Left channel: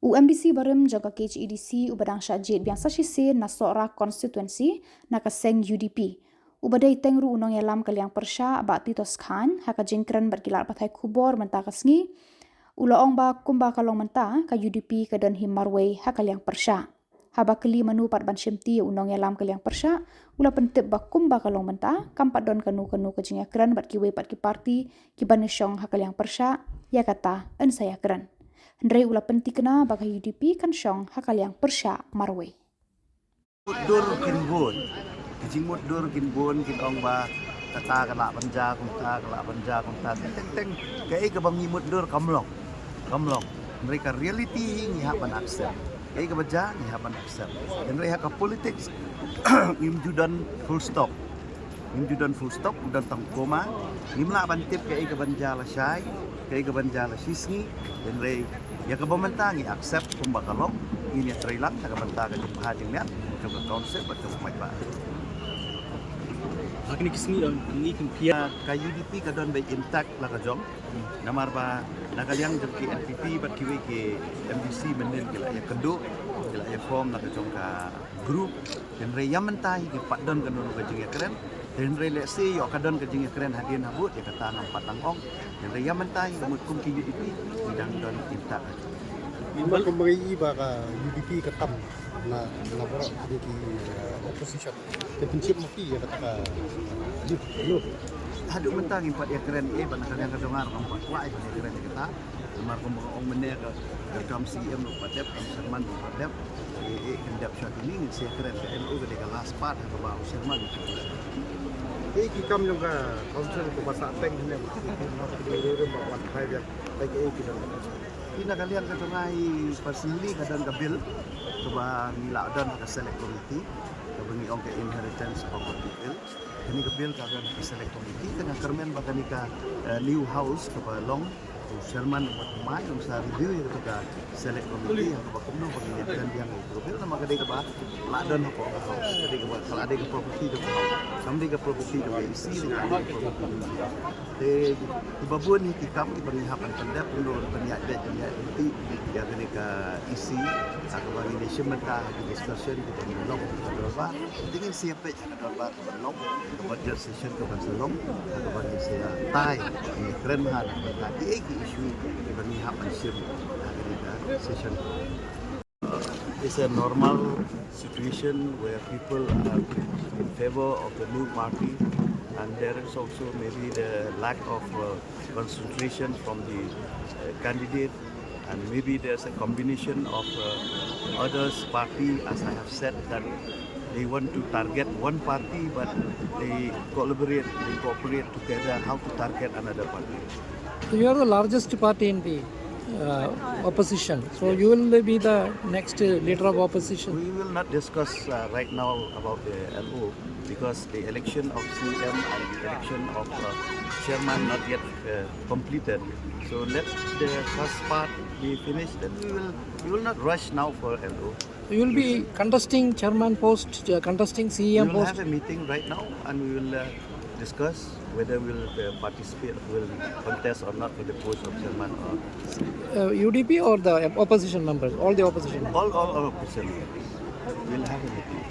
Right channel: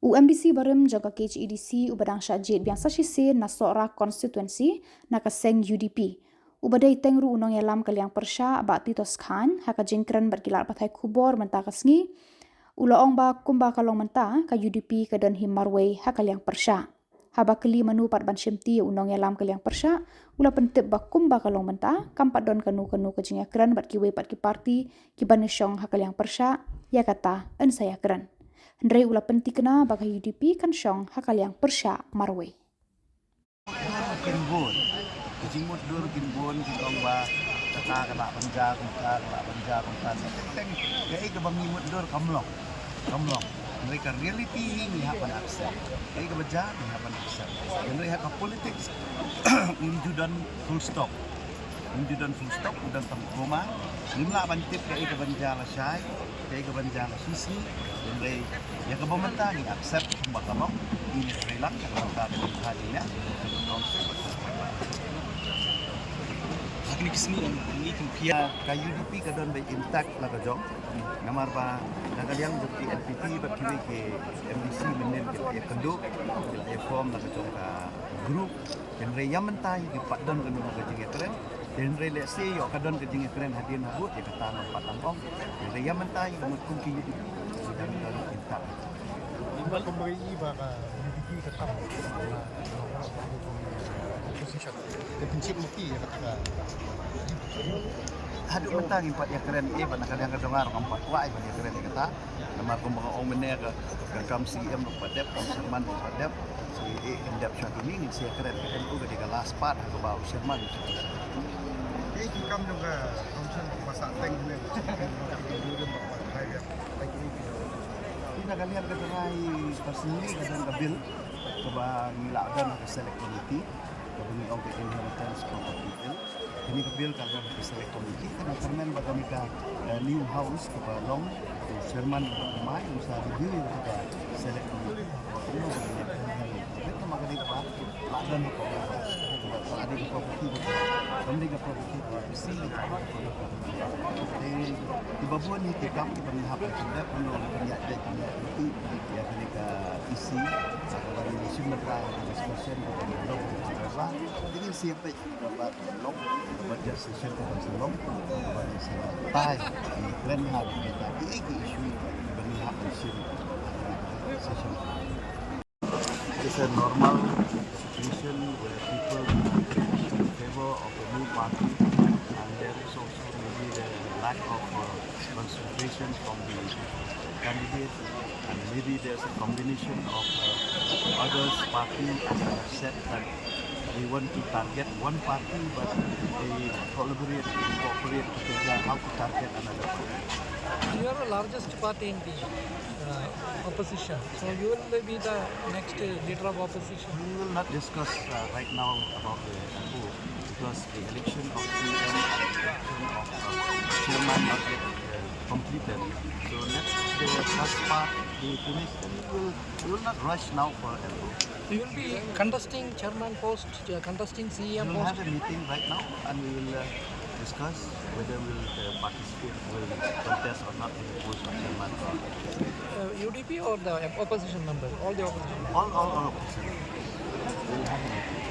UMDC barem jaga KHEDC ubadang syajid biang sasise na sora constituency na kaseng UDP. Ubadai tengru unong yalam kaliang Pyrshah ba Titos Khan haka jengkren berkilar patai Khubor mentah kasngi. Ulaong ba kumba kalong mentah ka UDP ka don him Marwei haka liang Pyrshah. Haba keli manu pat ban syemti unong yalam kaliang Pyrshah ula pentip ba kumba kalong mentah kampat don kanu ka jengkren berkiwe pat ki parti ki banisyong haka liang Pyrshah ya kata en saya keren. Hendrai ulah penting kena bagi UDP kan syong hakal yang Pyrshah Marwei. Dur kinbun, kijimut dur kinbun kitong ba kata kala banja kumta teng kaya ke bangimut dur kamlong. Mereka reality ni hapan aksen. Kaya ke baja ni hapan aksen. Dan mereka ke politics imjudan full stop. Udan tang koma. Nimla bantip kaya ke banja la syai, kaya ke banja la sisni. Dan mereka ya ke pementangi accept pembakalong ini terilang nak mentakan hadinya coba konsep atau apa. Hakini kisni ini kumpia ka UDP ka don by intact la kajong. Namar ba nagaliang joki NPP bat kiwe ke MDC menil gila ya kendo gila ya form la kajong ka group dan re yang mentai ki padon kan ka jing keren. Dan re let's say yo kadon ka jing keren hadian habut ya kata ngam patang ong. Dan re yang mentai kemut kum ki UDP sidang don intact. Imbal kembali baka UDP ketam na berat di opposition. Kepencit mati ya kata haduk mentang impat ya keren ban kalian kadongar empat kuai ban ya keren kata lamar kumbang ong mene ka kam CM lu padep kam Sherman lu padep si endap shot ini si keren ke LO ke de last part ha ba Sherman ki kam no ka option ko basa teng ni Pina kalian kadongai personally kadang ka bill ke bang ngila dan ka select committee ke bangi ong ke inheritance property bill kini ke bill kagak ke select committee kena kermen bagani ka new house ke long Sherman buat mai unsa review ya ke select committee ke bakumno bagi dia kan yang itu bill nama kadai ke ba ladon ko ka house kadai ke ba kalau ada ke property do house samdi ke property do isi di kali property de di babun ni tikam di penghapan pendap untuk penyak itu ya kini ke isi ke bagi ni semata di station di long berba dengan siapa yang berba ke long ke budget session ke Salong ke bagi saya tai di keren hal berkaki isu di penghapan sim session. It's a normal situation where people are in favor of the new party, and there is also maybe the lack of concentration from the candidate, and maybe there's a combination of others party, as I have said, that they want to target one party, but they cooperate together how to target another party. You are the largest party in the opposition, so you will be the next leader of opposition. We will not discuss right now about the NEHU because the election of CM and the election of chairman not yet completed. So let the first part be finished, then we will not rush now for NEHU. You will be contesting chairman post, contesting CM post. We will have a meeting right now and we will discuss whether we will participate, will contest or not for the post of chairman. UDP or the opposition members, all the opposition members? All opposition. We will have a meeting.